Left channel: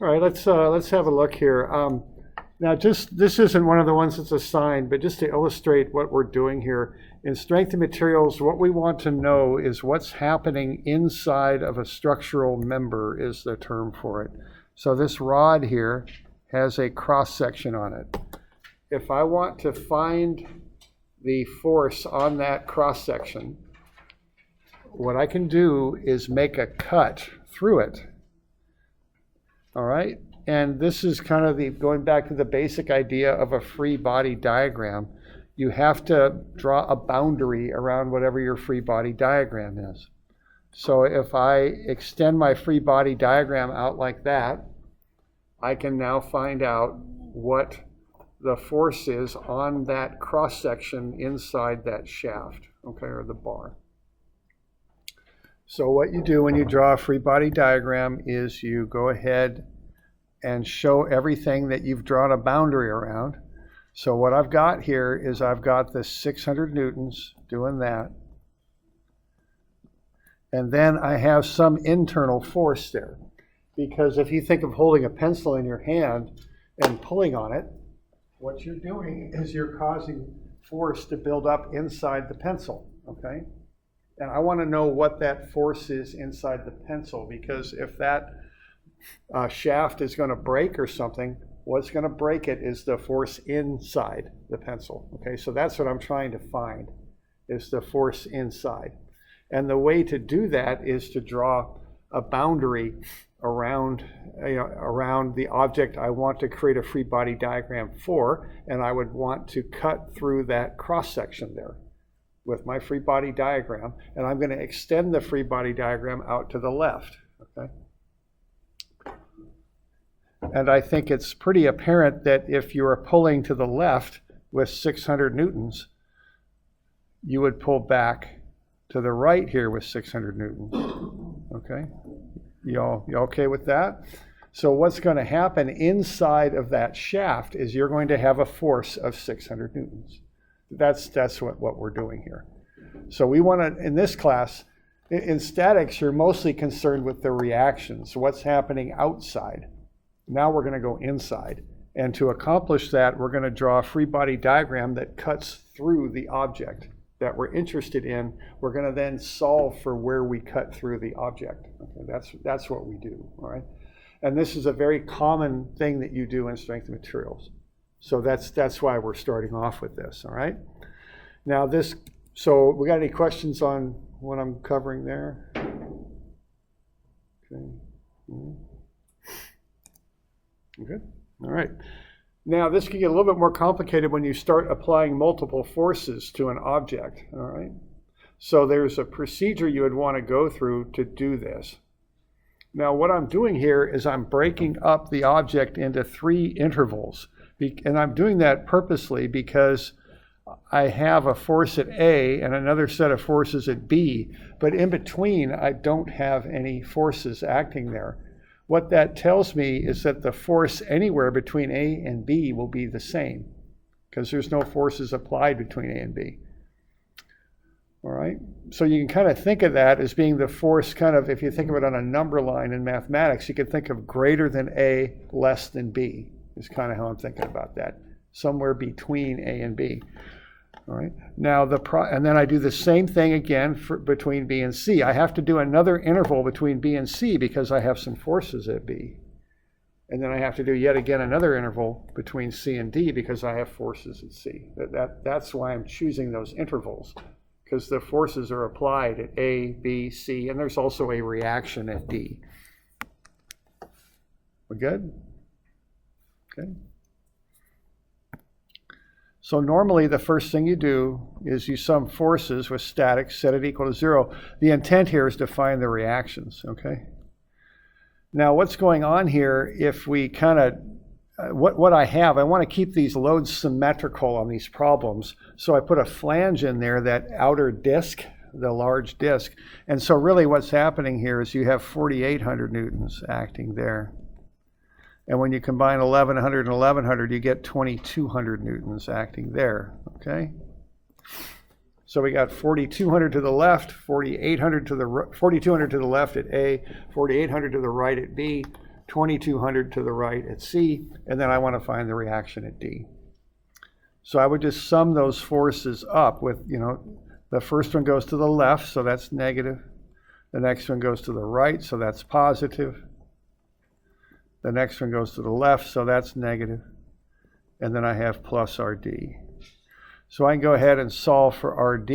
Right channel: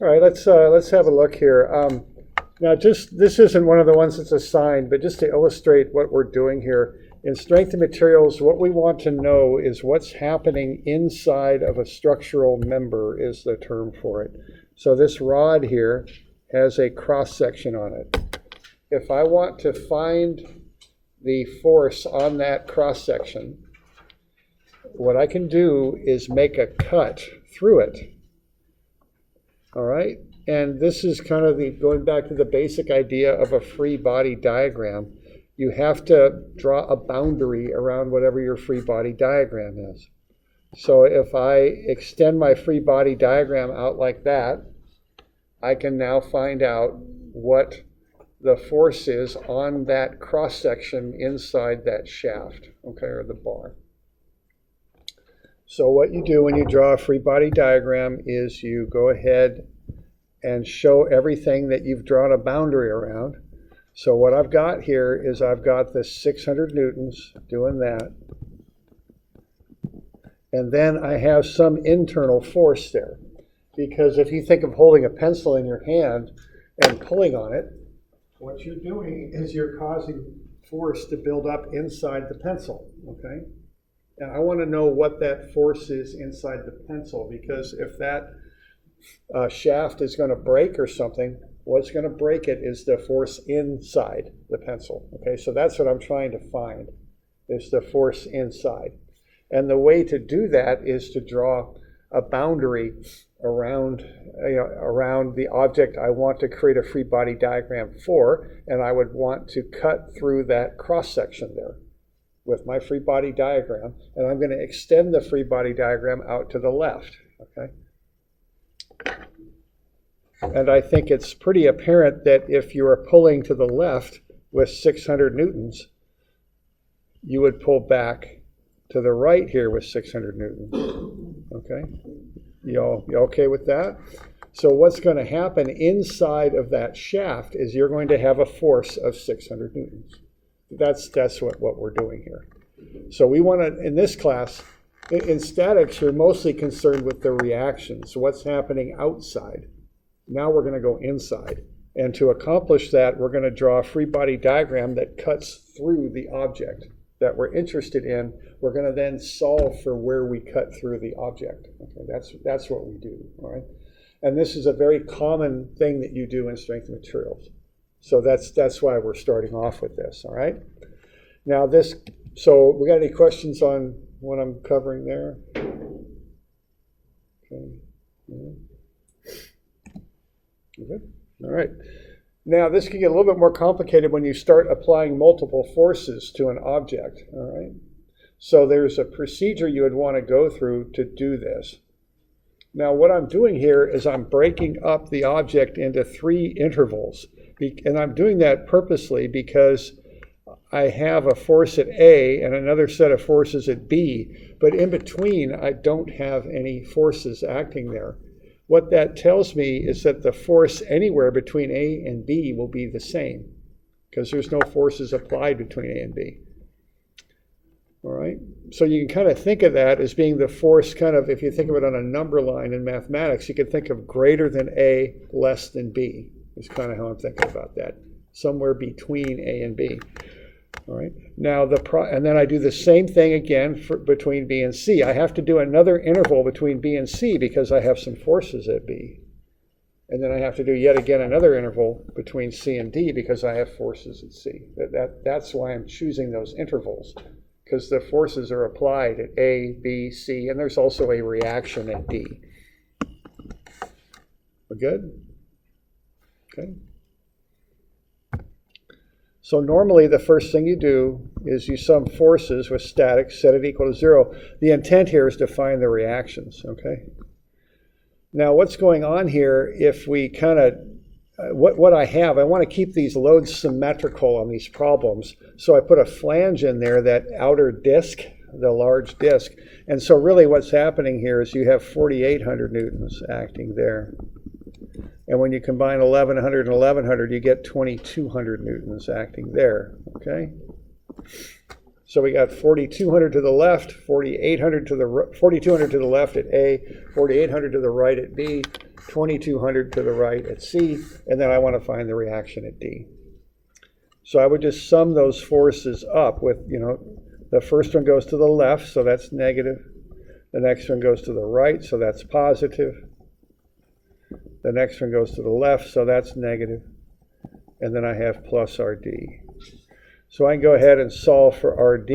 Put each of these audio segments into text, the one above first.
All right, let's have a look here. Now, this isn't one of the ones that's assigned, but just to illustrate what we're doing here, in strength and materials, what we want to know is what's happening inside of a structural member is the term for it. So this rod here has a cross section on it. If I want to find the force on that cross section, what I can do is make a cut through it. All right, and this is kind of going back to the basic idea of a free body diagram. You have to draw a boundary around whatever your free body diagram is. So if I extend my free body diagram out like that, I can now find out what the force is on that cross section inside that shaft, okay, or the bar. So what you do when you draw a free body diagram is you go ahead and show everything that you've drawn a boundary around. So what I've got here is I've got this 600 newtons doing that. And then I have some internal force there. Because if you think of holding a pencil in your hand and pulling on it, what you're doing is you're causing force to build up inside the pencil, okay? And I want to know what that force is inside the pencil, because if that shaft is going to break or something, what's going to break it is the force inside the pencil. Okay, so that's what I'm trying to find, is the force inside. And the way to do that is to draw a boundary around the object I want to create a free body diagram for, and I would want to cut through that cross section there with my free body diagram, and I'm going to extend the free body diagram out to the left, okay? And I think it's pretty apparent that if you are pulling to the left with 600 newtons, you would pull back to the right here with 600 newtons, okay? You okay with that? So what's going to happen inside of that shaft is you're going to have a force of 600 newtons. That's what we're doing here. So we want to, in this class, in statics, you're mostly concerned with the reactions, what's happening outside. Now we're going to go inside. And to accomplish that, we're going to draw a free body diagram that cuts through the object that we're interested in. We're going to then solve for where we cut through the object. Okay, that's what we do, all right? And this is a very common thing that you do in strength and materials. So that's why we're starting off with this, all right? Now so we got any questions on what I'm covering there? Okay. Good. All right. Now this can get a little bit more complicated when you start applying multiple forces to an object, all right? So there's a procedure you would want to go through to do this. Now what I'm doing here is I'm breaking up the object into 3 intervals. And I'm doing that purposely because I have a force at A and another set of forces at B, but in between I don't have any forces acting there. What that tells me is that the force anywhere between A and B will be the same, because there's no forces applied between A and B. All right, so you can kind of think of that as being the force, kind of, if you think of it on a number line in mathematics, you can think of greater than A, less than B. Is kind of how I'm thinking about that, somewhere between A and B. All right. Now and then I do the same thing again between B and C. I have to do another interval between B and C because I have some forces at B, and then I have to do yet again another interval between C and D because I have forces at C. That's why I'm choosing those intervals, because the forces are applied at A, B, C, and there's also a reaction at D. We good? Okay. So normally the first thing you do is you sum forces with statics, set it equal to 0. The intent here is to find the reactions, okay? Now what's going on here, if we kind of, what I want to keep these loads symmetrical on these problems. So I put a flange in there, that outer disk, the large disk. And so really what's happening here is you have 4,800 newtons acting there. And when you combine 1,100 and 1,100, you get 2,200 newtons acting there, okay? So we got 4,200 to the left, 4,800 to the 4,200 to the left at A, 4,800 to the right at B, 2,200 to the right at C, and then I want to find the reaction at D. So I would just sum those forces up with, the first one goes to the left, so that's negative. The next one goes to the right, so that's positive. The next one goes to the left, so that's negative. And then I have plus RD. So I can go ahead and solve for RD.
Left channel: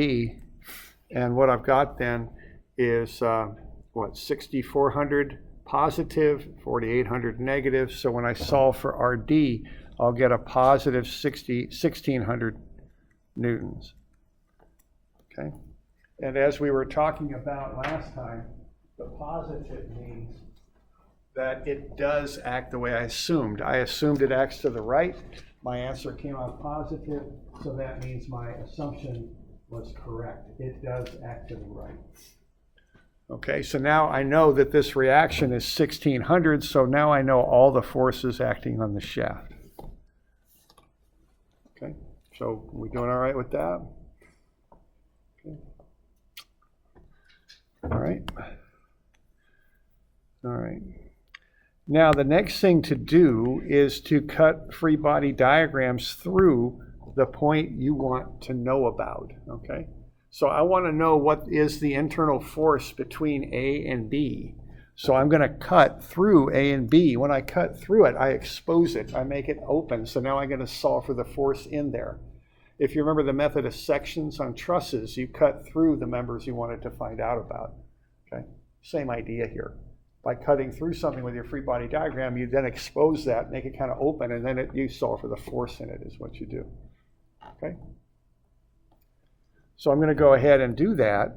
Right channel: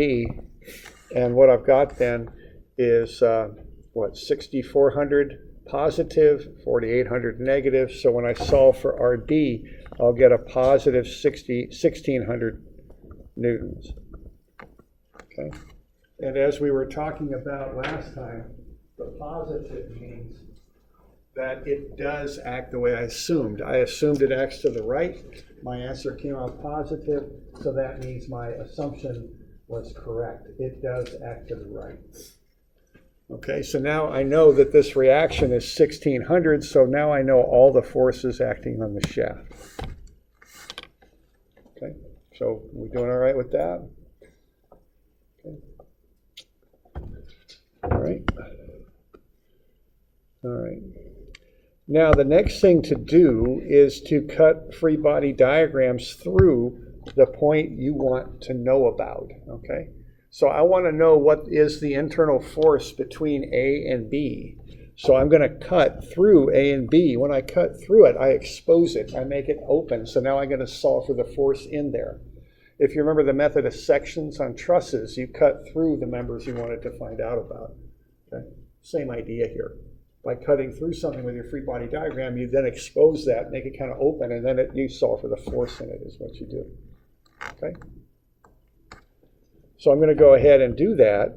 And what I've got then is, 6,400 positive, 4,800 negative. So when I solve for RD, I'll get a positive 1,600 newtons. Okay. And as we were talking about last time, the positive means that it does act the way I assumed. I assumed it acts to the right. My answer came out positive, so that means my assumption was correct. It does act to the right. Okay, so now I know that this reaction is 1,600, so now I know all the forces acting on the shaft. Okay, so we doing all right with that? Okay. All right. All right. Now the next thing to do is to cut free body diagrams through the point you want to know about, okay? So I want to know what is the internal force between A and B. So I'm going to cut through A and B. When I cut through it, I expose it. I make it open. So now I'm going to solve for the force in there. If you remember the method of sections on trusses, you cut through the members you wanted to find out about, okay? Same idea here. By cutting through something with your free body diagram, you then expose that, make it kind of open, and then you solve for the force in it is what you do. Okay? So I'm going to go ahead and do that.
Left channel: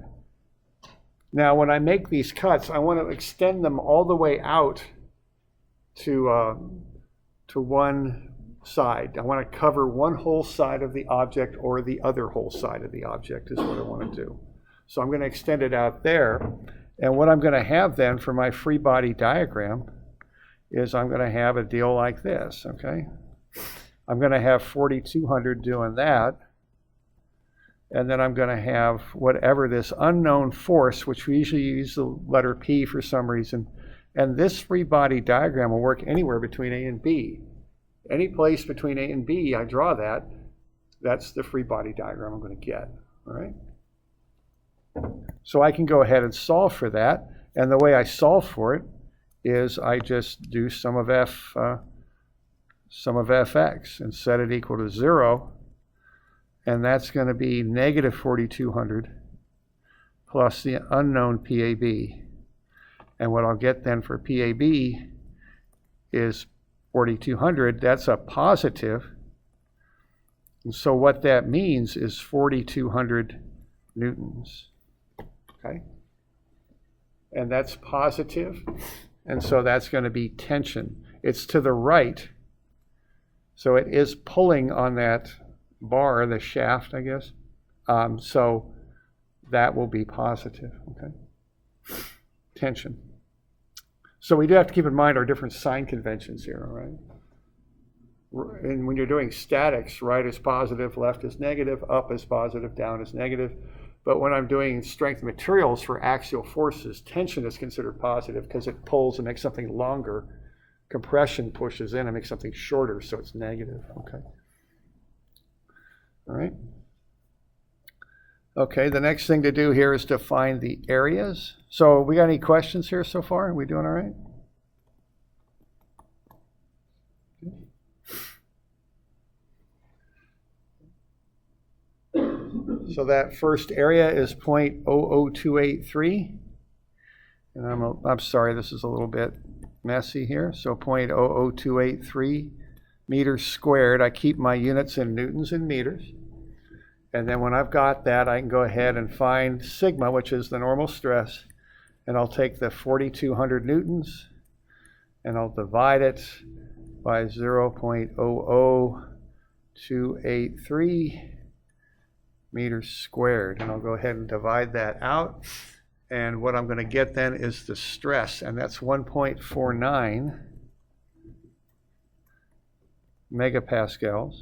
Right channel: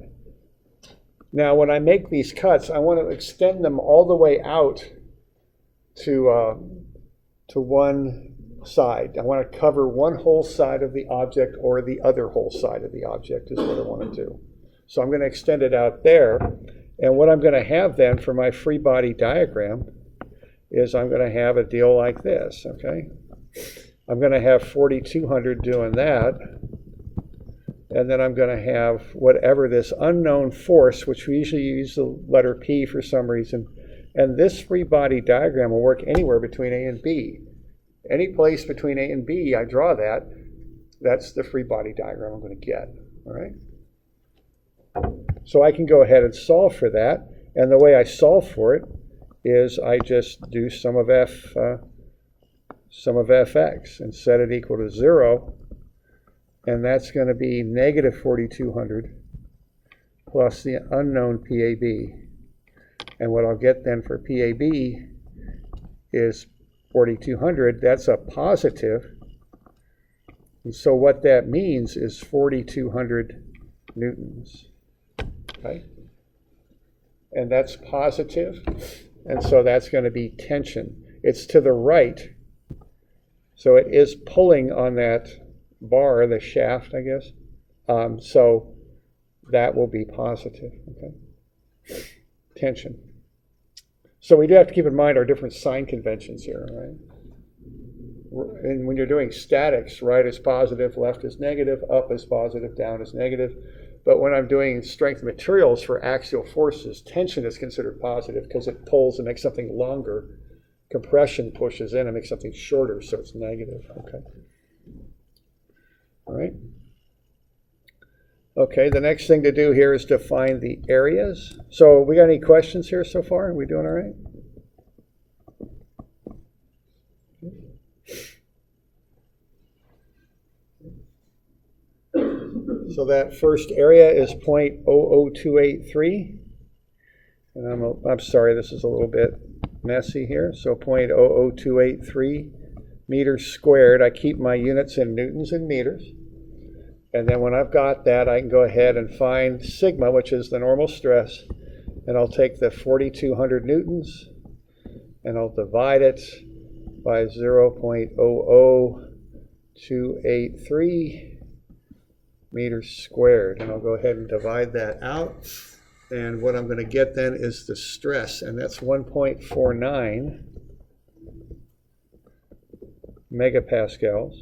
Now, when I make these cuts, I want to extend them all the way out to one side. I want to cover one whole side of the object or the other whole side of the object is what I want to do. So I'm going to extend it out there. And what I'm going to have then for my free body diagram is I'm going to have a deal like this, okay? I'm going to have 4,200 doing that. And then I'm going to have whatever this unknown force, which we usually use the letter P for some reason. And this free body diagram will work anywhere between A and B. Any place between A and B, I draw that. That's the free body diagram I'm going to get, all right? So I can go ahead and solve for that. And the way I solve for it is I just do sum of fx and set it equal to 0. And that's going to be negative 4,200 plus the unknown PAB. And what I'll get then for PAB is 4,200. That's a positive. And so what that means is 4,200 newtons. Okay, and that's positive, and so that's going to be tension. It's to the right, so it is pulling on that bar, the shaft, I guess. So that will be positive, okay? Tension. So we do have to keep in mind our different sign conventions here, right? And when you're doing statics, right is positive, left is negative, up is positive, down is negative. But when I'm doing strength materials for axial forces, tension is considered positive because it pulls and makes something longer. Compression pushes in and makes something shorter, so it's negative. Okay. All right. Okay, the next thing to do here is to find the areas. So we got any questions here so far? Are we doing all right? So that first area is 0.00283. And I'm sorry, this is a little bit messy here. So 0.00283 meters squared. I keep my units in newtons and meters. And then when I've got that, I can go ahead and find sigma, which is the normal stress. And I'll take the 4,200 newtons and I'll divide it by 0.00283 meters squared. And I'll go ahead and divide that out. And what I'm going to get then is the stress, and that's 1.49 megapascals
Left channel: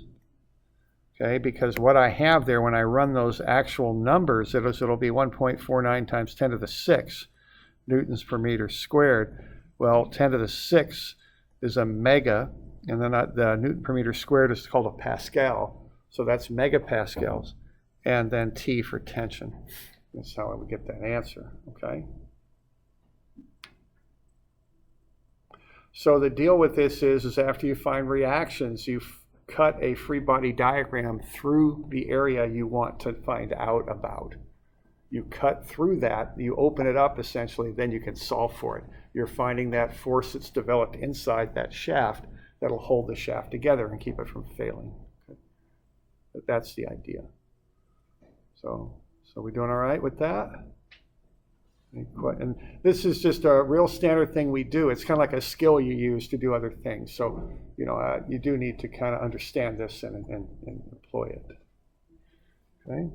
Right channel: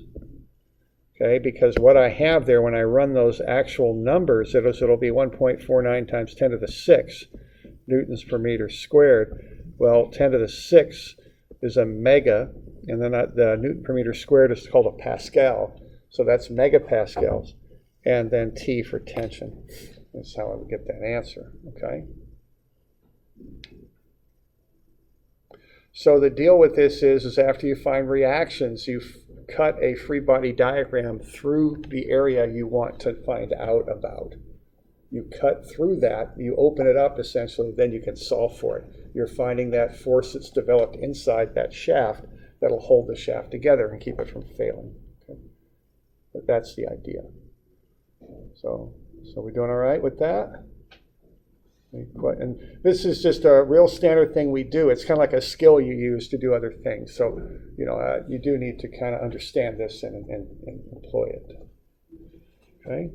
Okay, because what I have there when I run those actual numbers, it'll be 1.49 times 10 to the 6 newtons per meter squared. Well, 10 to the 6 is a mega, and then the newton per meter squared is called a Pascal. So that's megapascals, and then T for tension. That's how I would get that answer, okay? So the deal with this is after you find reactions, you cut a free body diagram through the area you want to find out about. You cut through that, you open it up essentially, then you can solve for it. You're finding that force that's developed inside that shaft that'll hold the shaft together and keep it from failing. Okay? But that's the idea. So we doing all right with that? And this is just a real standard thing we do. It's kind of like a skill you use to do other things. So, you do need to kind of understand this and employ it. Okay?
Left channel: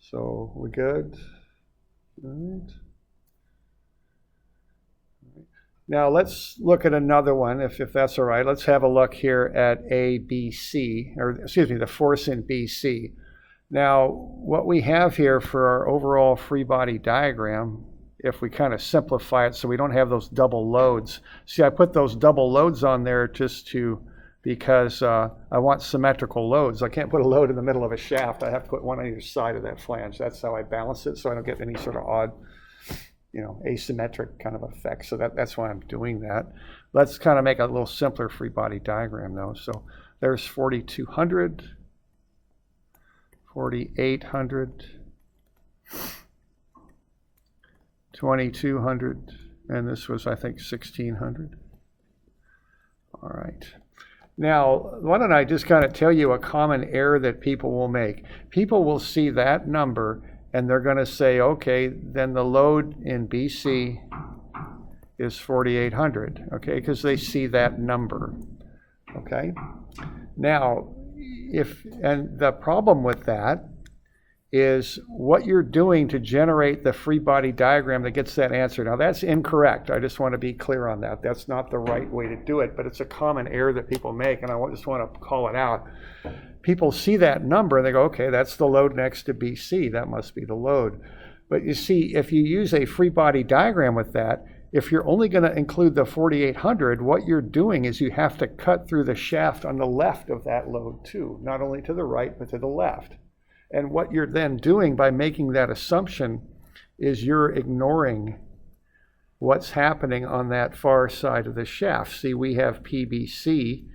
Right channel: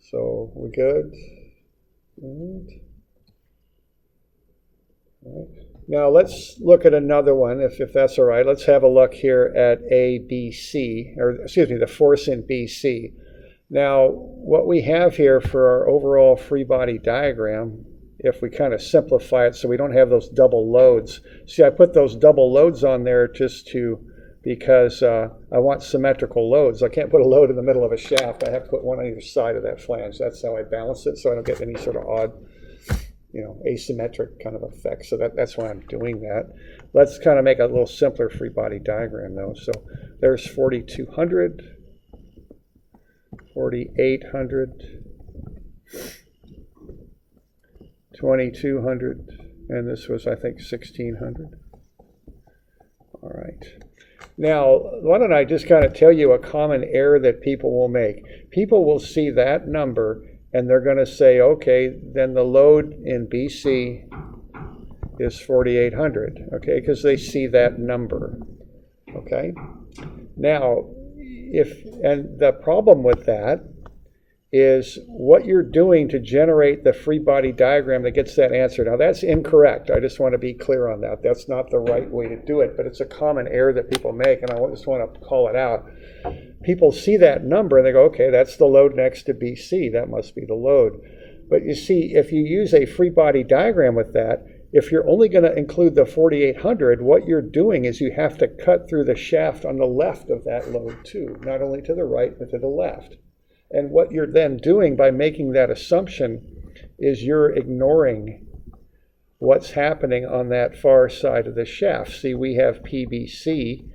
So, we're good? All right. All right. Now, let's look at another one, if that's all right. Let's have a look here at ABC, or excuse me, the force in BC. Now, what we have here for our overall free body diagram, if we kind of simplify it so we don't have those double loads. See, I put those double loads on there because I want symmetrical loads. I can't put a load in the middle of a shaft. I have to put one on either side of that flange. That's how I balance it, so I don't get any sort of odd, asymmetric kind of effect. So that's why I'm doing that. Let's kind of make a little simpler free body diagram, though. So there's 4,200. 4,800, 2,200, and this was, I think, 1,600. All right. Now, why don't I just kind of tell you a common error that people will make. People will see that number, and they're going to say, okay, then the load in BC is 4,800, okay, because they see that number, okay? Now, and the problem with that is what you're doing to generate the free body diagram that gets that answer. Now, that's incorrect. I just want to be clear on that. That's not the right way to do it, but it's a common error that people make, and I just want to call it out. People see that number and they go, okay, that's the load next to BC. That must be the load. But you see, if you use a free body diagram with that, if you're only going to include the 4,800, what you're doing is you have to cut through the shaft on the left of that load too, not only to the right, but to the left. And what you're then doing by making that assumption is you're ignoring what's happening on that far side of the shaft. See, we have PBC,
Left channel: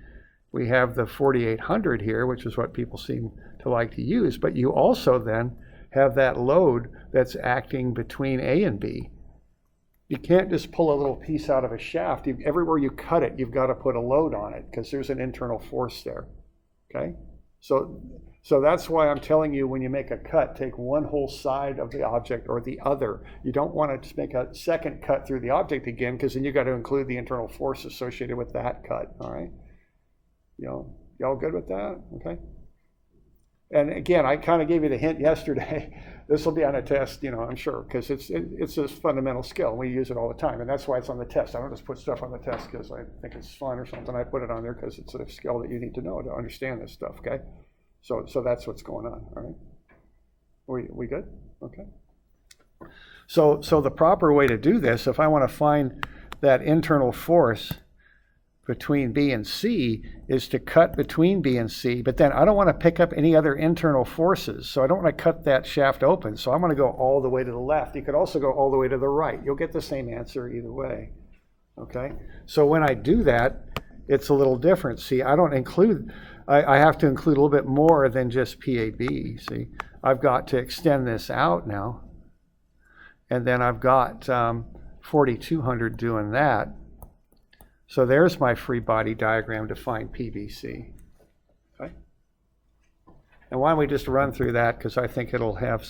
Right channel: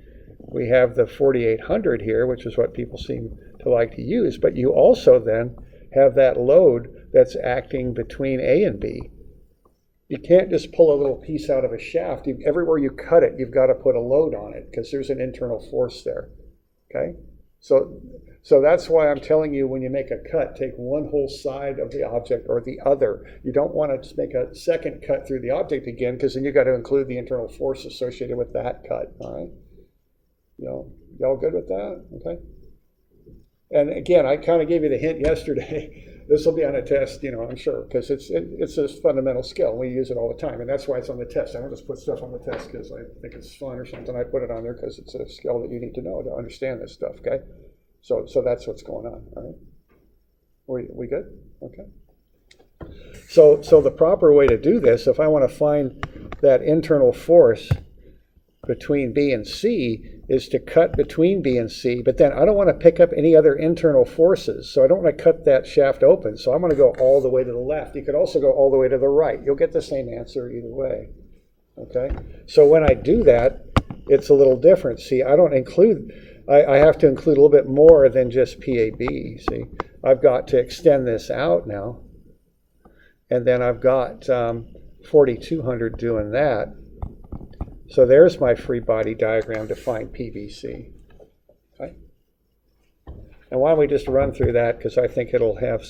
we have the 4,800 here, which is what people seem to like to use, but you also then have that load that's acting between A and B. You can't just pull a little piece out of a shaft. Everywhere you cut it, you've got to put a load on it because there's an internal force there, okay? So that's why I'm telling you when you make a cut, take one whole side of the object or the other. You don't want to just make a second cut through the object again because then you've got to include the internal force associated with that cut, all right? Y'all good with that? Okay. And again, I kind of gave you the hint yesterday. This will be on a test, I'm sure, because it's a fundamental skill. We use it all the time, and that's why it's on the test. I don't just put stuff on the test because I think it's fun or something. I put it on there because it's a skill that you need to know to understand this stuff, okay? So that's what's going on, all right? We good? Okay. So the proper way to do this, if I want to find that internal force between B and C, is to cut between B and C, but then I don't want to pick up any other internal forces, so I don't want to cut that shaft open, so I'm going to go all the way to the left. You could also go all the way to the right. You'll get the same answer either way, okay? So when I do that, it's a little different. See, I don't include, I have to include a little bit more than just PAB, see? I've got to extend this out now, and then I've got 4,200 doing that. So there's my free body diagram to find PBC. Okay. And why don't we just run through that, because I think it'll have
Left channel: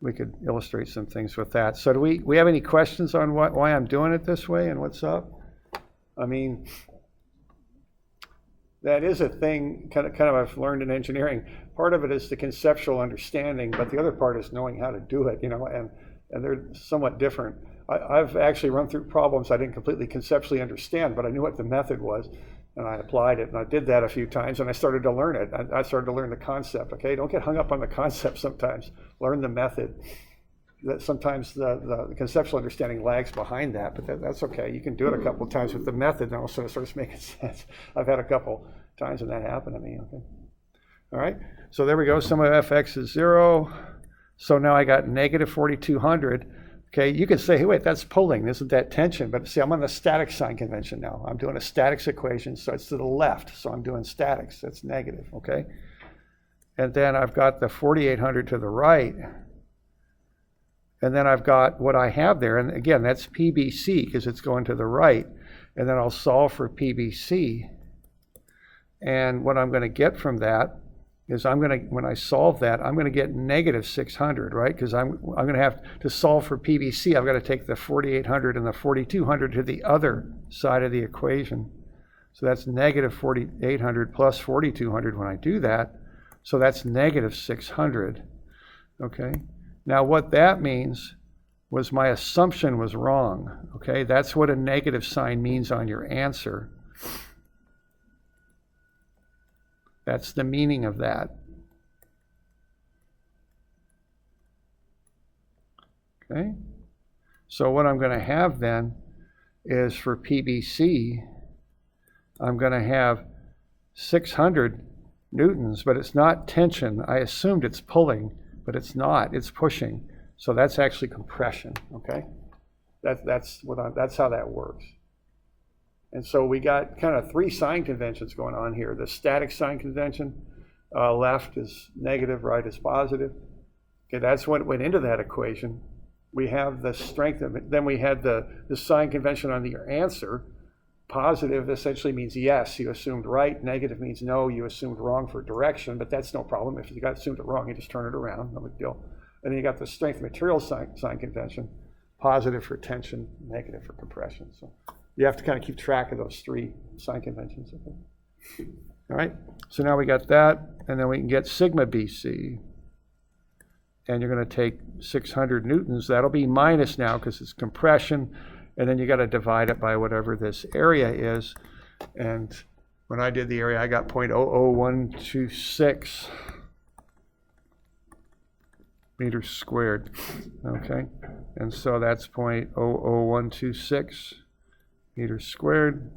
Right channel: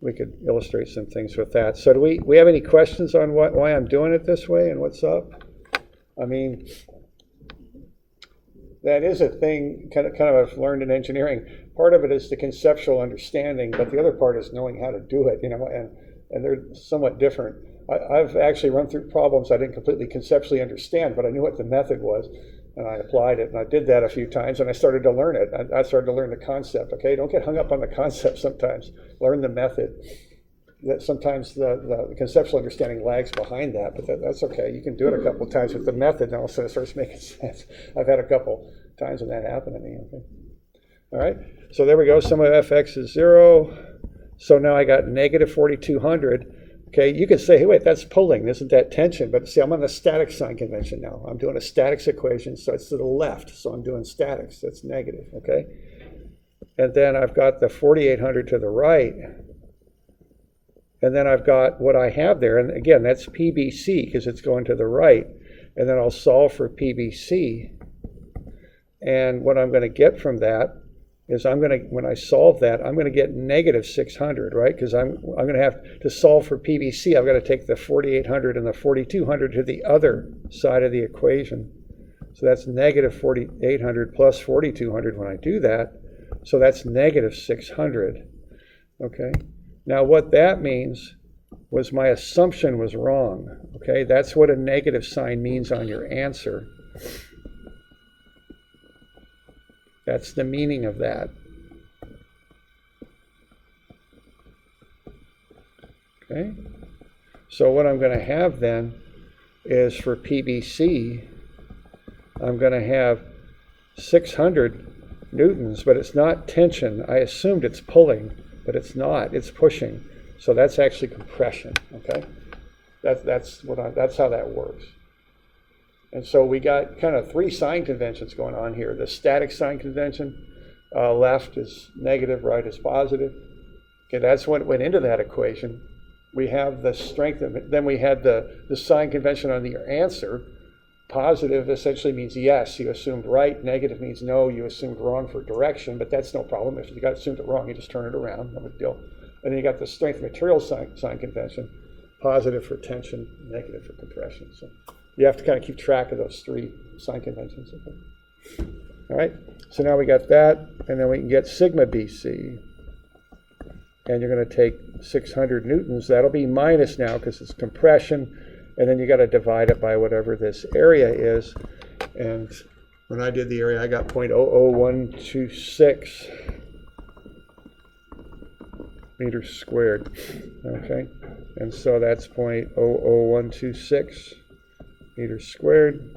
we could illustrate some things with that. So do we have any questions on why I'm doing it this way and what's up? I mean, that is a thing kind of I've learned in engineering. Part of it is the conceptual understanding, but the other part is knowing how to do it, and they're somewhat different. I've actually run through problems I didn't completely conceptually understand, but I knew what the method was. And I applied it, and I did that a few times, and I started to learn it. I started to learn the concept. Okay, don't get hung up on the concept sometimes. Learn the method. That sometimes the conceptual understanding lags behind that, but that's okay. You can do it a couple of times with the method, and all of a sudden it starts making sense. I've had a couple times when that happened to me. Okay. All right, so there we go. Sum of fx is 0. So now I got negative 4,200. Okay, you could say, hey, wait, that's pulling. Isn't that tension? But see, I'm on the static sign convention now. I'm doing a statics equation, so it's to the left. So I'm doing statics. That's negative, okay? And then I've got the 4,800 to the right. And then I've got what I have there. And again, that's PBC because it's going to the right. And then I'll solve for PBC. And what I'm going to get from that is when I solve that, I'm going to get negative 600, right? Because I'm going to have to solve for PBC. I've got to take the 4,800 and the 4,200 to the other side of the equation. So that's negative 4,800 plus 4,200 when I do that. So that's negative 600, okay? Now what that means was my assumption was wrong, okay? That's what a negative sign means on your answer. That's the meaning of that. Okay, so what I'm going to have then is for PBC, I'm going to have 600 newtons, but it's not tension. I assumed it's pulling, but it's not. It's pushing. So that's actually compression. Okay, that's how that works. And so we got kind of 3 sign conventions going on here. The static sign convention, left is negative, right is positive. Okay, that's what went into that equation. We have the strength of it. Then we had the sign convention on your answer. Positive essentially means yes, you assumed right. Negative means no, you assumed wrong for direction, but that's no problem. If you got assumed it wrong, you just turn it around, no big deal. And then you got the strength material sign convention. Positive for tension, negative for compression. So you have to kind of keep track of those 3 sign conventions. Okay. All right, so now we got that, and then we can get sigma BC. And you're going to take 600 newtons. That'll be minus now because it's compression. And then you got to divide it by whatever this area is. And when I did the area, I got 0.00126 meters squared. Okay, and so that's 0.00126 meters squared.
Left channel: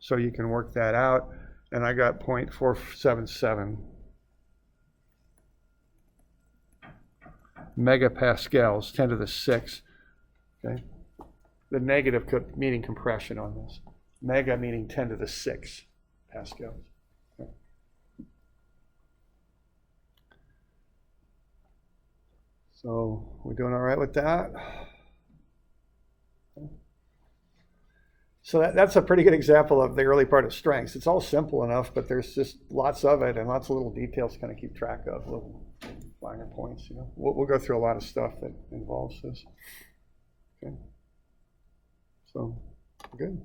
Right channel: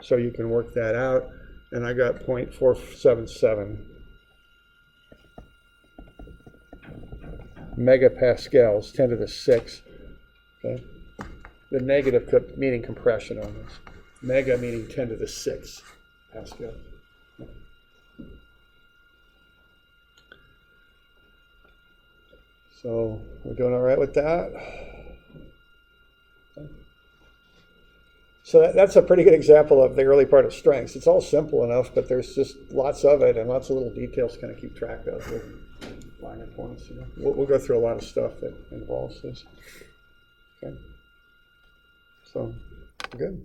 So you can work that out. And I got 0.477 megapascals, 10 to the 6. Okay, the negative meaning compression on this. Mega meaning 10 to the 6 Pascal. Okay. So we're doing all right with that. So that's a pretty good example of the early part of strengths. It's all simple enough, but there's just lots of it and lots of little details to kind of keep track of, little minor points. You know, we'll go through a lot of stuff that involves this. Okay. So good.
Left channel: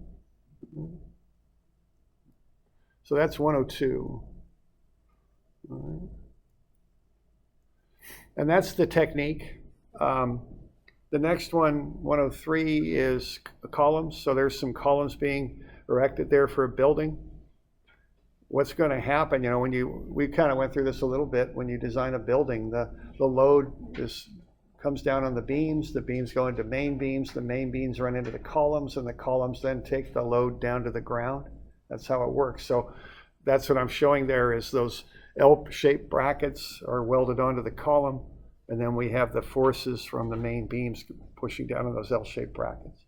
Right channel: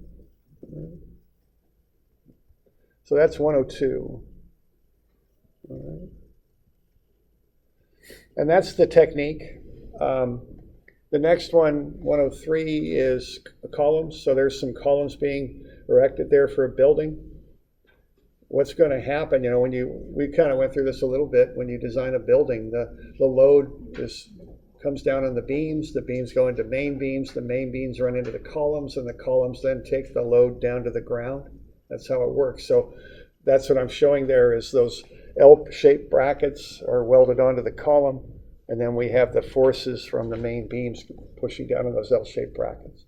So that's 102. All right. And that's the technique. The next one, 103, is columns. So there's some columns being erected there for a building. What's going to happen, you know, we kind of went through this a little bit, when you design a building, the load comes down on the beams go into main beams, the main beams run into the columns, and the columns then take the load down to the ground. That's how it works. So that's what I'm showing there, is those L-shaped brackets are welded onto the column, and then we have the forces from the main beams pushing down on those L-shaped brackets.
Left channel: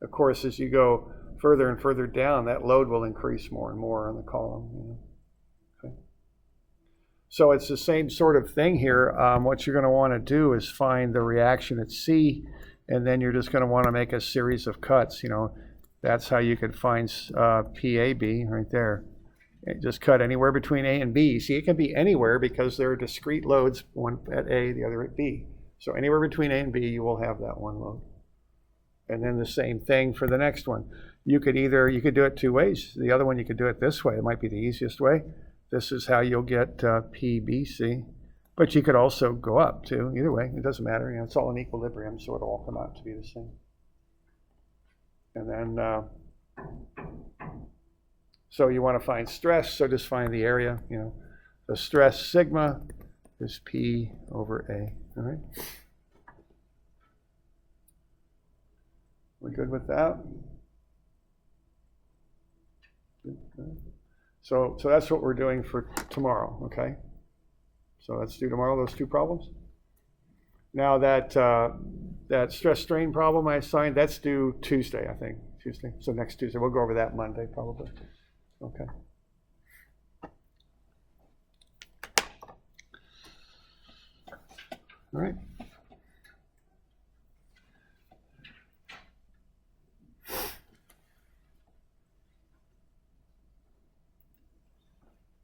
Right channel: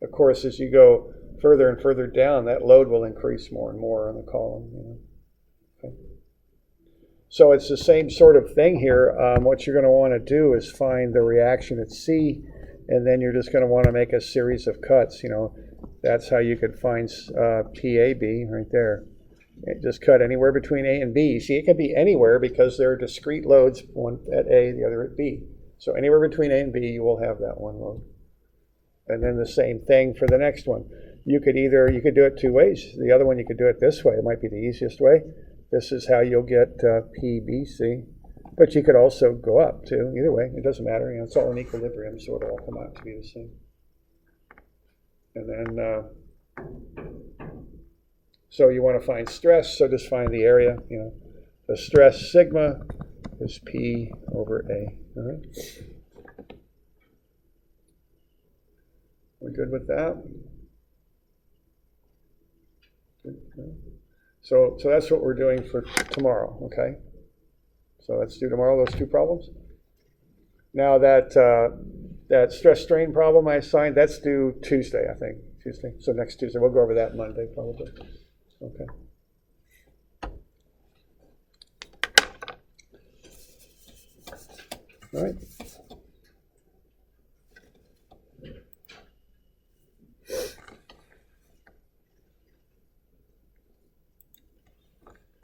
Of course, as you go further and further down, that load will increase more and more on the column. You know. Okay. So it's the same sort of thing here. What you're going to want to do is find the reaction at C, and then you're just going to want to make a series of cuts. You know, that's how you could find PAB right there. Just cut anywhere between A and B. See, it can be anywhere because there are discrete loads, one at A, the other at B. So anywhere between A and B, you will have that one load. And then the same thing for the next one. You could do it 2 ways. The other one, you could do it this way. It might be the easiest way. This is how you'll get PBC. But you could also go up too. Either way, it doesn't matter. You know, it's all in equilibrium, so it'll all come out to be the same. And then So you want to find stress, so just find the area, the stress sigma is P over A, all right? We're good with that? Good. So that's what we're doing for tomorrow, okay? So let's do tomorrow those two problems. Now that stress strain problem I assigned, that's due Tuesday, I think. Tuesday. So next Tuesday. We'll go over that Monday probably. Okay. All right.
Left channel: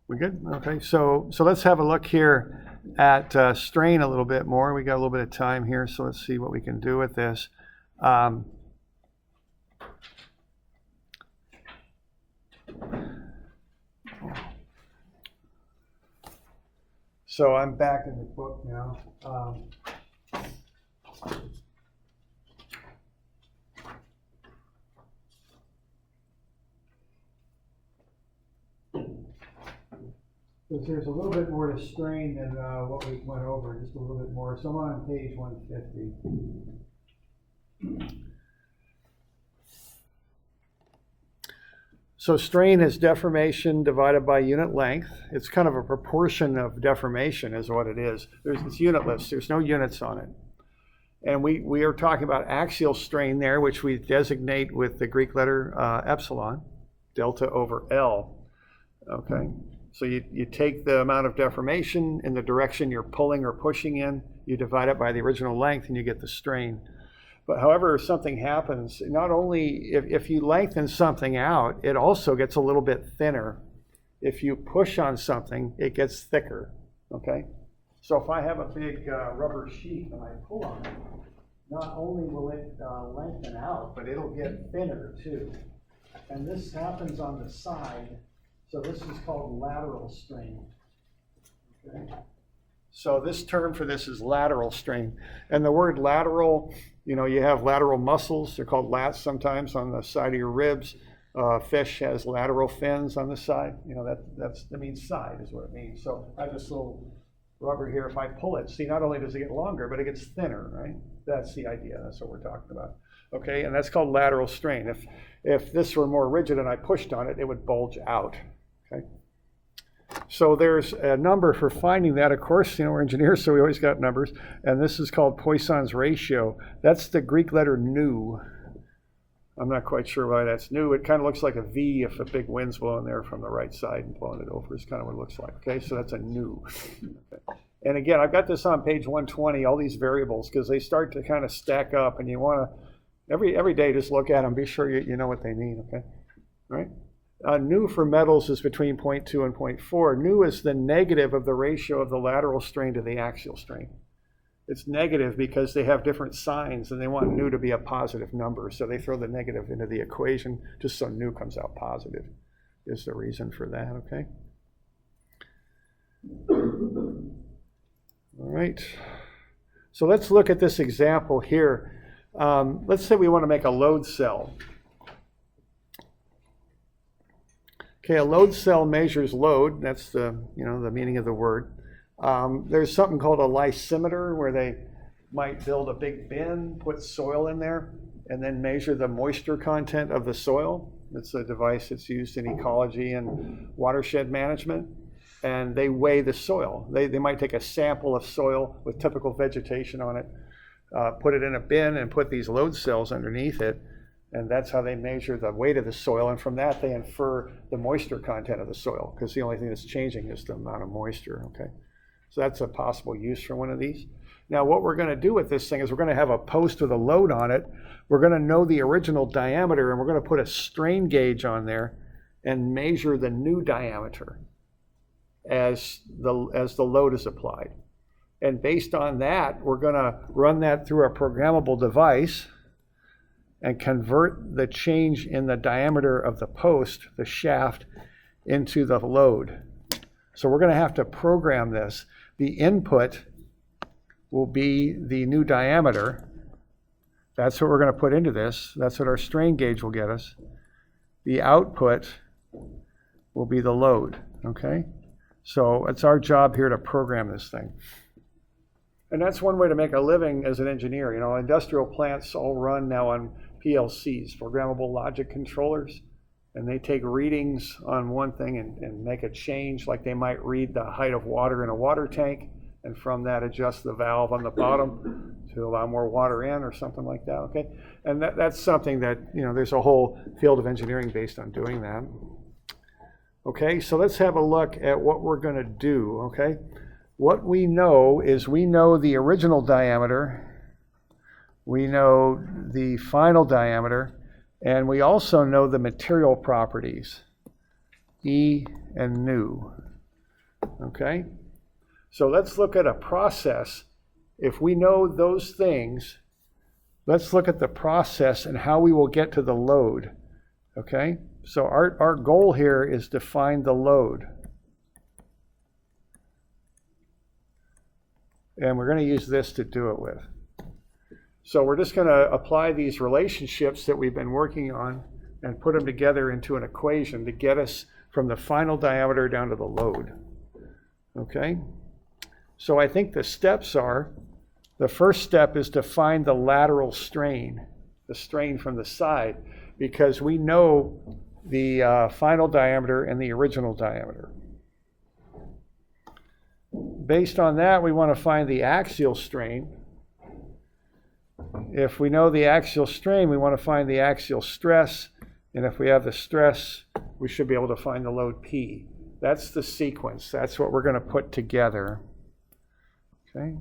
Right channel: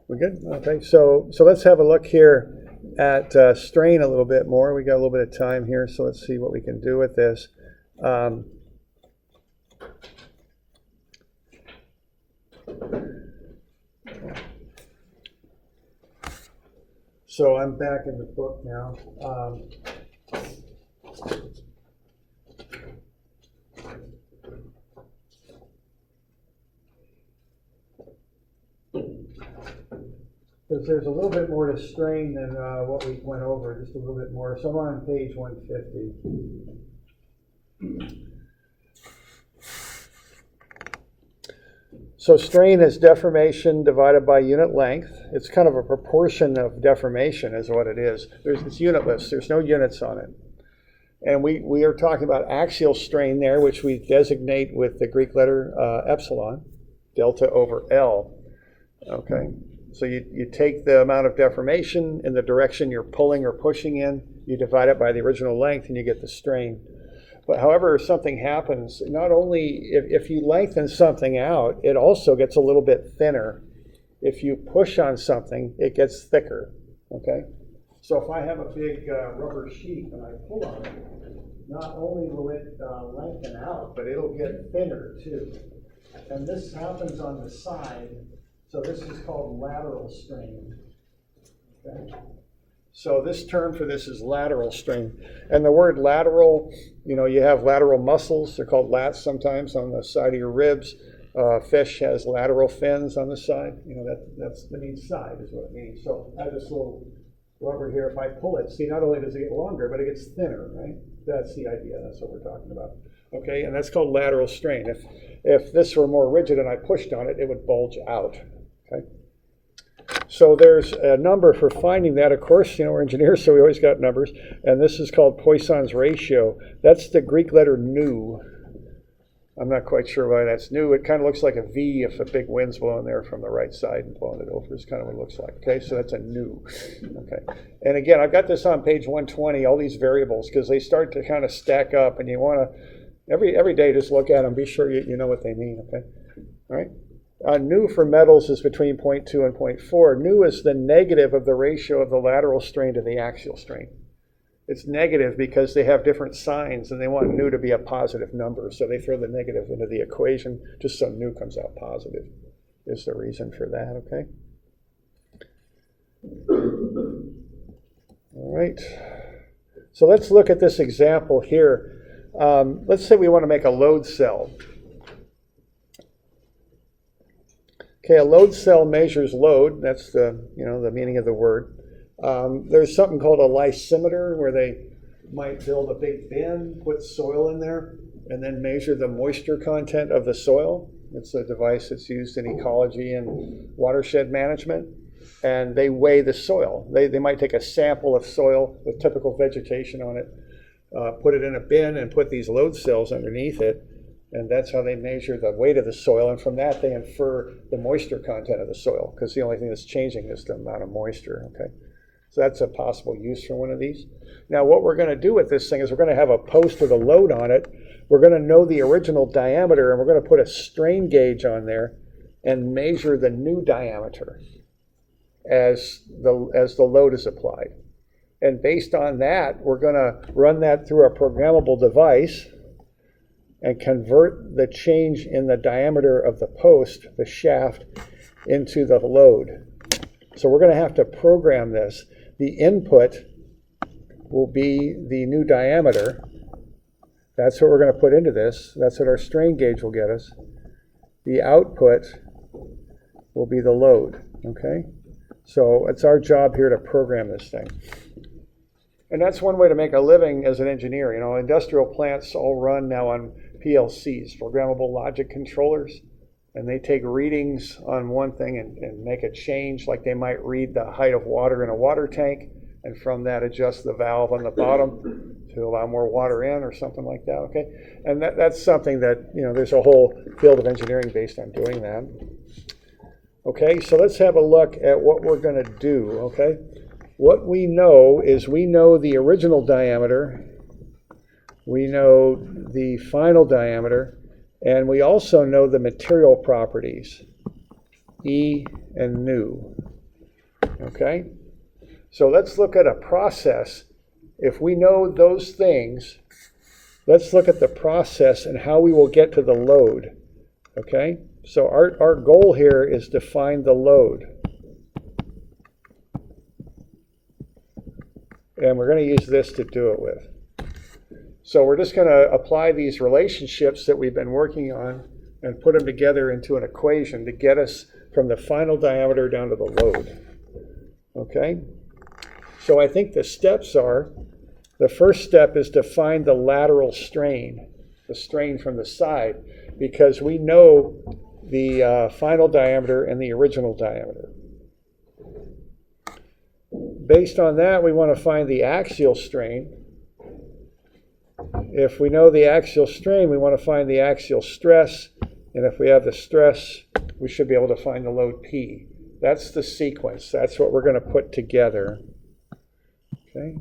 We good? Okay. So let's have a look here at strain a little bit more. We got a little bit of time here, so let's see what we can do with this. So I'm back in the book now. Because there's a little bit more to strain than what we went over, just a little bit more. So I'm on page 150. So strain is deformation divided by unit length. It's kind of a proportion of deformation is what it is. It's unitless. There's no units on it. And we are talking about axial strain there, which we designate with the Greek letter epsilon, delta over L. Okay. So you take the amount of deformation in the direction you're pulling or pushing in, you divide it by the original length, and you get the strain. But however something happens, not only if you lengthen something out, it also gets a little bit thinner. If you push on something, it gets thicker, okay? So if I have a big rubber sheet and I pull on it, not only will it lengthen out, but it'll get thinner too. And this happens on the side, so this is called lateral strain, okay? So this term for this is lateral strain. And the word lateral, you have lateral muscles. They're called lats sometimes on the side of your ribs. Fish has lateral fins on the side. That means side is what it means. So I have this little rubber here. If I pull it, see, not only does it get longer, but it gets thinner, right? That's the idea. That's what we're talking about. Okay, and that's called lateral strain. If this were more rigid and I pushed on it, it would bulge out, okay? So there's a number for finding that. Of course, we're engineers, so we always got numbers. And this is called Poisson's ratio. That's the Greek letter nu. I'm not quite sure why that's nu. It kind of looks like a V if a big wind's blowing there from the right side and blowing it over is kind of what it looks like. Okay, so that's a nu. Okay. And again, I've got this on page 120, all these variables, because they start to kind of stack up, and you want to, every day, just look at them, be sure you know what they mean, okay? All right. Nu for metals is between 0.2 and 0.4. Nu is the negative of the ratio of the lateral strain to the axial strain. It's negative because they have different signs and they want nu to be a positive number. So they throw the negative into the equation just so nu comes out positive is the reason for that, okay? All right. So let's look at this example here. Let's say we want to make a load cell. Okay, a load cell measures load. That's the meaning of the word. There's something called a lysimeter where they might build a big bin, put soil in there, and then measure the moisture content of the soil. It's a device that's used in ecology and watershed management. And they weigh the soil. They might take a sample of soil with typical vegetation on it, put it in a bin, and put these load cells underneath it. And that's how they measure the weight of the soil. And from that, they infer the moisture content of the soil, because the only thing that's changing is the amount of moisture, okay? So that's a possible use for one of these. Now, what we're going to do with this thing is we're going to have a post with a load on it. We're going to know the original diameter, and we're going to put a strain gauge on there and measure the new diameter as the load is applied. And based on that, we're going to run that through a programmable device and convert the change in the diameter of the post, the shaft, into the load. So we're going to have to program this. The input will be the new diameter. That's what we're going to put into this. That's what our strain gauge will get us. The output will be the load, okay? So it's our job here to program this thing. And that's one way to make a living as an engineer. You know, industrial plants all run now on PLCs, programmable logic controllers, and they take readings on one thing and make a change, like they might read the height of water in a water tank, and from that adjust the valve on the bottom to allow more water in or something like that, okay? And that's something that, you know, there's a whole field of engineering based on doing that. Okay, so let's have a look at what we're going to do, okay? What we know is we know the original diameter, we know the final diameter, and we also know the material properties, E and nu, okay? So let's look at a process. If we know those things, let's look at the process and how we will get to the load, okay? So our goal here is to find the load. And we're going to use this to do it with. So we're just going to apply these relationships that we've been working on and put them together into an equation to get us from the final diameter down to the load. Okay? So I think the steps are, the first step is to find the lateral strain, the strain from the side, because we know the final diameter and the original diameter. Based on that, we want to find the axial strain. If we know the axial strain, we want to find the axial stress. And if we have the stress, we should be able to find the load P. That's the sequence. That's what we're going to put together. Okay.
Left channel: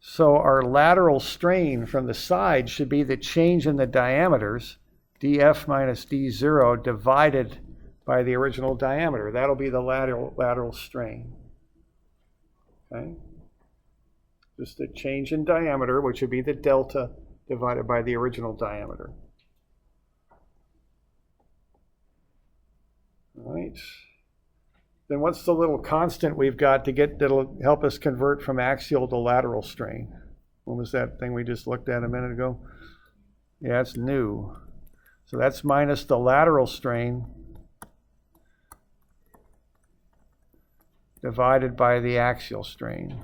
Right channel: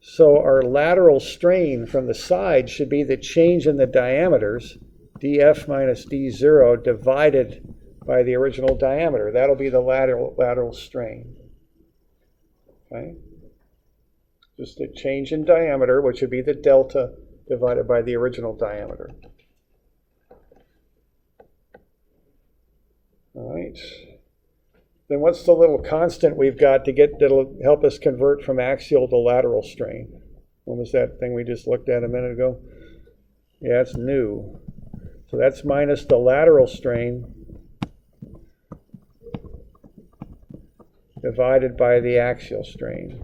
So our lateral strain from the side should be the change in the diameters, dF minus d0, divided by the original diameter. That'll be the lateral strain. Okay? Just a change in diameter, which would be the delta divided by the original diameter. All right. Then what's the little constant we've got to get that'll help us convert from axial to lateral strain? What was that thing we just looked at a minute ago? Yeah, it's nu. So that's minus the lateral strain divided by the axial strain.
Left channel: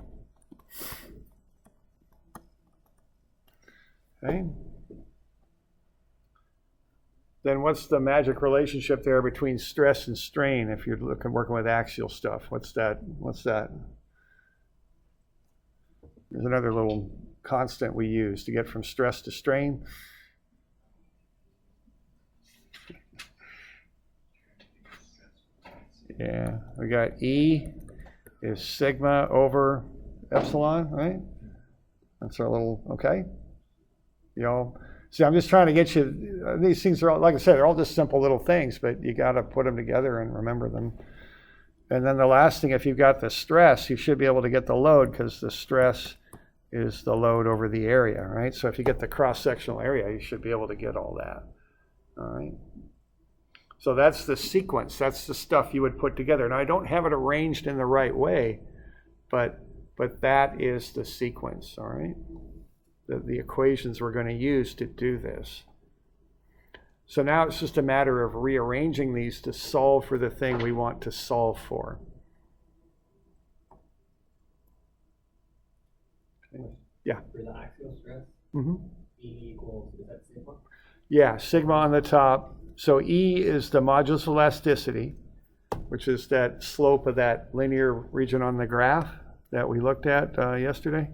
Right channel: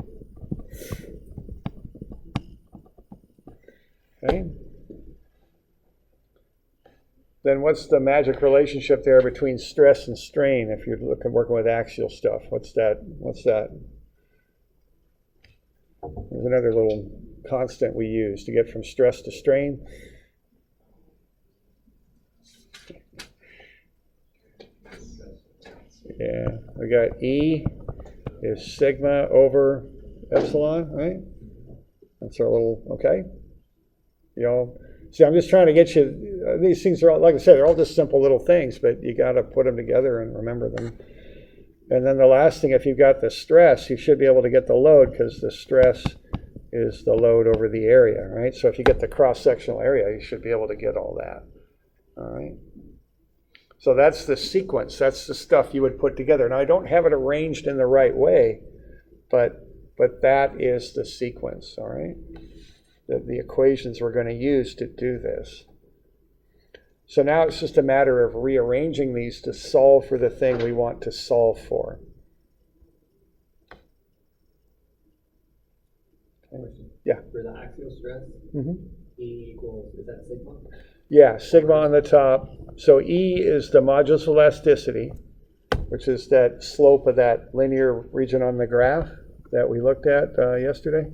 Okay. Then what's the magic relationship there between stress and strain if you're working with axial stuff? What's that? There's another little constant we use to get from stress to strain. Yeah, we got E is sigma over epsilon, right? That's our little, okay? You know, see, I'm just trying to get you, these things are all, like I said, they're all just simple little things, but you got to put them together and remember them. And then the last thing, if you've got the stress, you should be able to get the load because the stress is the load over the area, right? So if you get the cross-sectional area, you should be able to get all that, all right? So that's the sequence. That's the stuff you would put together. And I don't have it arranged in the right way, but that is the sequence, all right? The equations we're going to use to do this. So now it's just a matter of rearranging these to solve for the thing we want to solve for. Okay. Yeah. For the axial stress, E equals, is that sigma? Yeah, sigma on the top. So E is the modulus of elasticity, which is that slope of that linear region on the graph that we looked at yesterday.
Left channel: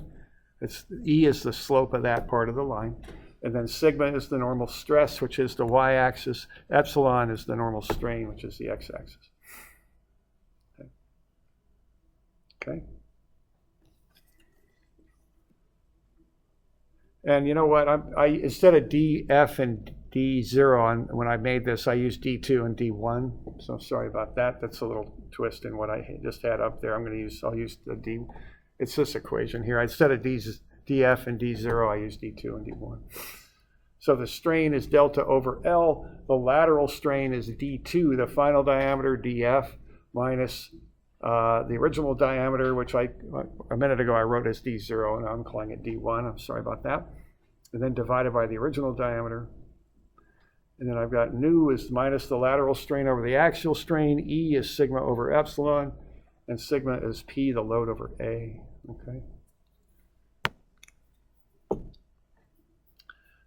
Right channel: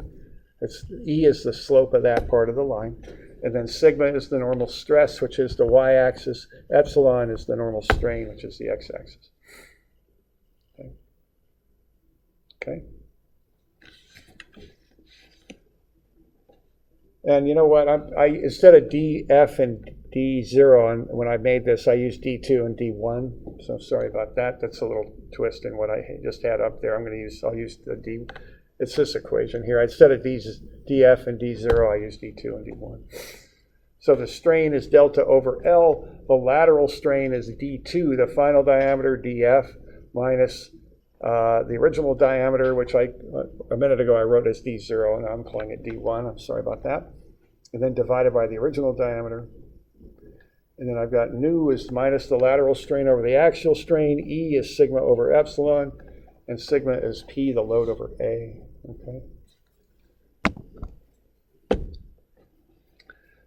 E is the slope of that part of the line. And then sigma is the normal stress, which is the y-axis. Epsilon is the normal strain, which is the x-axis. Okay. Okay. And you know what? I instead of df and d0, when I made this, I used d2 and d1. So sorry about that. That's a little twist in what I just had up there. I'll use the d. It's this equation here. Instead of df and d0, I use d2 and d1. So the strain is delta over L. The lateral strain is d2, the final diameter, df, minus the original diameter, which a minute ago I wrote as d0, and I'm calling it d1. I'm sorry about that. and then divided by the original diameter. And then I've got nu is minus the lateral strain over the axial strain, E is sigma over epsilon, and sigma is P, the load over A, okay?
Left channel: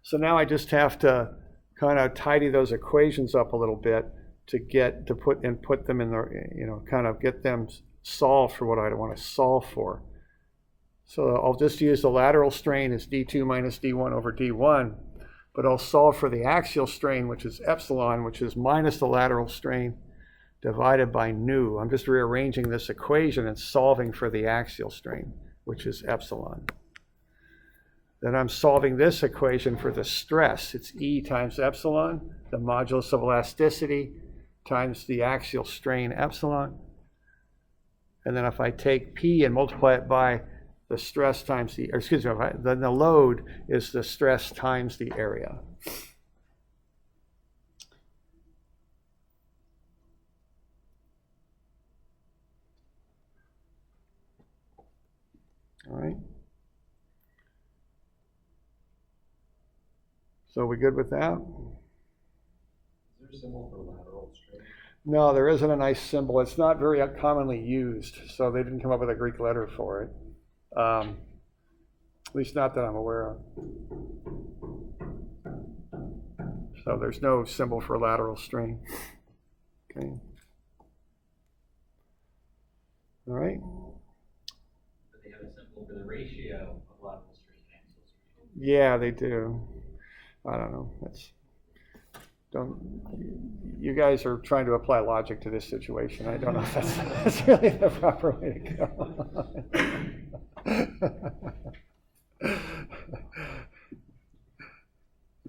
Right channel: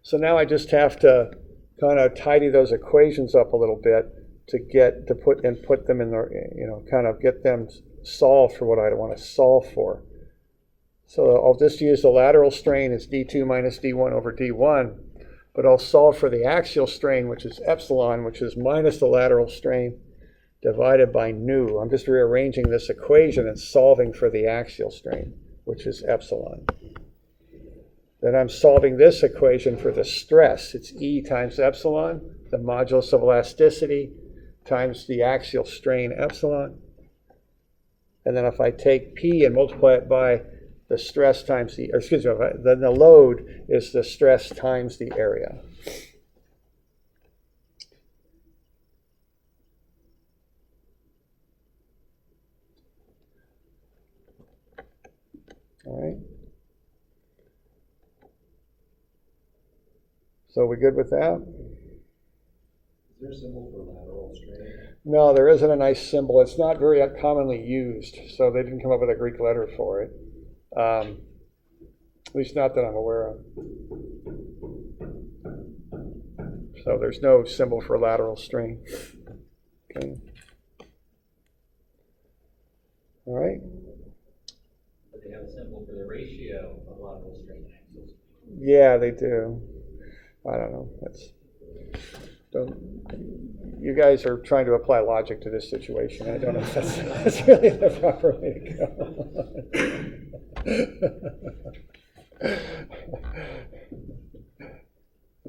So now I just have to kind of tidy those equations up a little bit to put them in the, kind of get them solved for what I want to solve for. So I'll just use the lateral strain as d2 minus d1 over d1, but I'll solve for the axial strain, which is epsilon, which is minus the lateral strain divided by nu. I'm just rearranging this equation and solving for the axial strain, which is epsilon. Then I'm solving this equation for the stress. It's E times epsilon, the modulus of elasticity, times the axial strain epsilon. And then if I take P and multiply it by the stress times then the load is the stress times the area. All right. So we good with that? Is there a symbol for lateral strain? No, there isn't a nice symbol. It's not very commonly used, so they didn't come up with a Greek letter for it. At least not that I'm aware of. So there's no symbol for lateral strain. Okay. All right. But they have a symbol for the ratio of lateral strain and axial strain. Yeah, they do. I don't know. You guys are trying to apply logic to this situation. I don't know if that's really the proper way to go.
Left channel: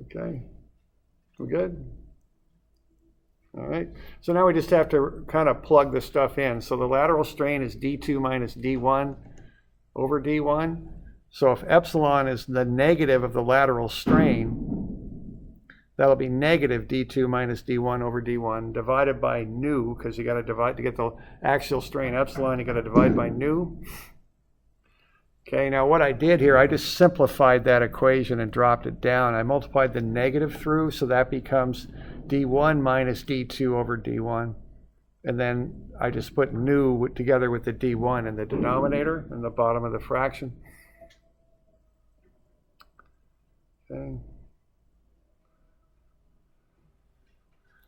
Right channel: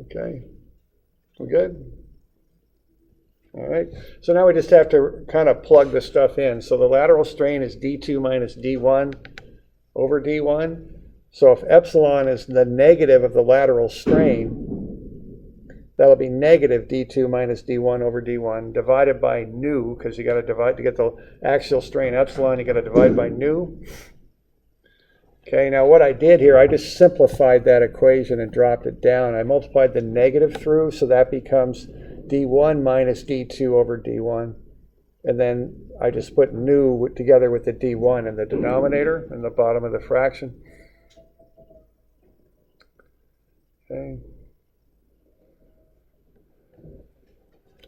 Okay. We good? All right. So now we just have to kind of plug the stuff in. So the lateral strain is d2 minus d1 over d1. So if epsilon is the negative of the lateral strain, that'll be negative d2 minus d1 over d1 divided by nu, because you got to divide to get the axial strain epsilon, you got to divide by nu. Okay, now what I did here, I just simplified that equation and dropped it down. I multiplied the negative through, so that becomes d1 minus d2 over d1. And then I just put nu together with the d1 in the denominator in the bottom of the fraction. Okay.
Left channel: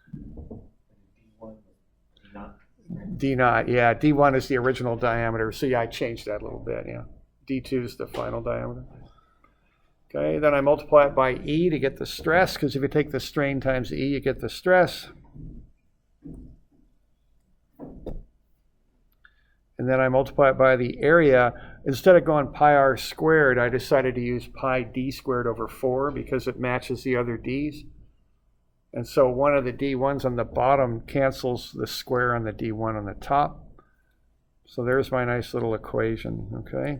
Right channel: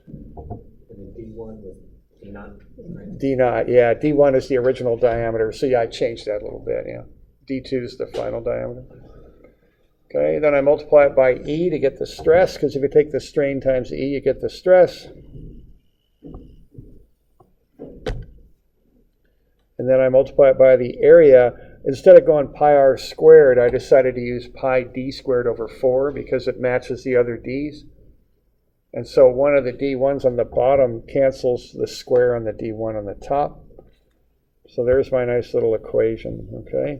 And then D1 was D naught, right? D naught, yeah. D1 is the original diameter. So yeah, I changed that a little bit, yeah. D2 is the final diameter. Okay, then I multiply it by E to get the stress, because if you take the strain times E, you get the stress. And then I multiply it by the area. Instead of going pi r squared, I decided to use pi d squared over 4 because it matches the other d's. And so one of the d1s on the bottom cancels the square on the d1 on the top. So there's my nice little equation, okay?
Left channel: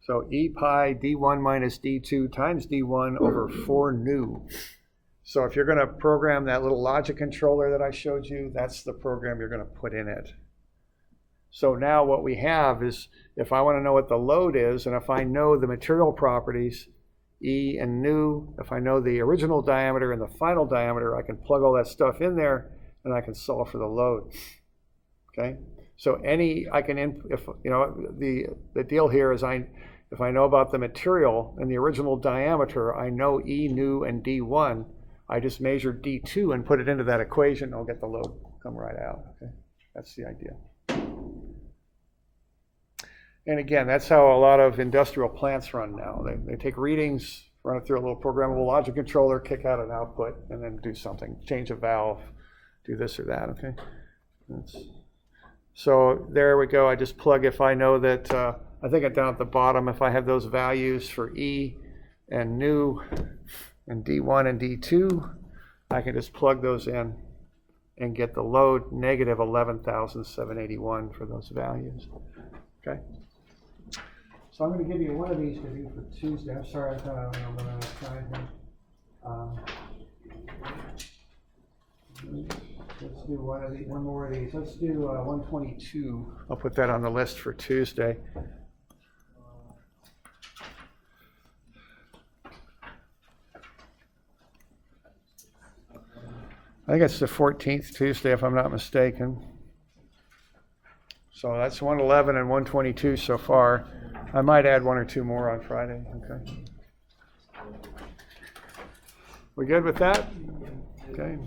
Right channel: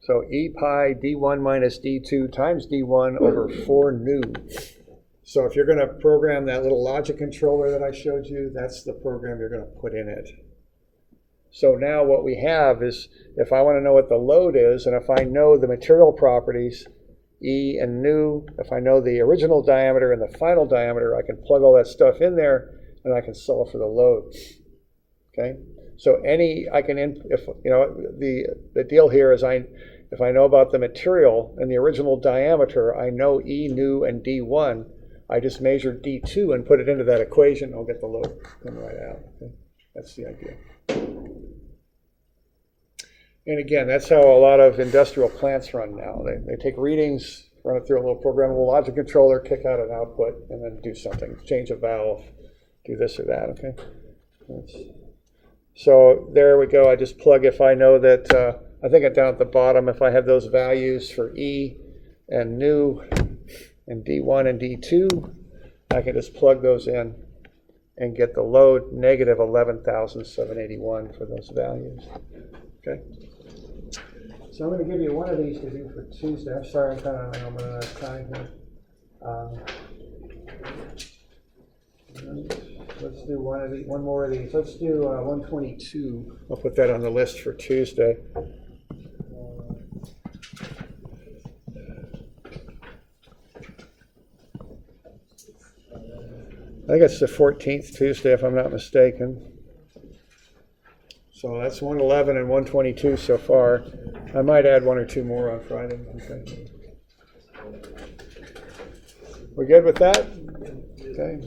So E pi d1 minus d2 times d1 over 4 nu. So if you're going to program that little logic controller that I showed you, that's the program you're going to put in it. So now what we have is, if I want to know what the load is, and if I know the material properties, E and nu, if I know the original diameter and the final diameter, I can plug all that stuff in there and I can solve for the load. Okay? So the deal here is if I know about the material and the original diameter, I know E, nu, and D1, I just measure D2 and put it into that equation, I'll get the load come right out. Okay? That's the idea. And again, that's how a lot of industrial plants run now. They take readings, run it through a little programmable logic controller, kick out an output, and then do something, change a valve, do this or that, okay? So there we go. I just plug, if I know that, I think down at the bottom, if I have those values for E and nu and D1 and D2, I can just plug those in and get the load negative 11,781 for those values. Okay? So I'm going to give you one of these to do for Tuesday. I'm sorry, I'm kind of running out of time here. Let's do one more of these. Let's do 122. I'll put that on the list for Tuesday. I think it's the 14th Tuesday, if I'm not mistaken. So that's 111 and 122 so far. I might add one or two more on Friday. Okay. We good with that? Okay.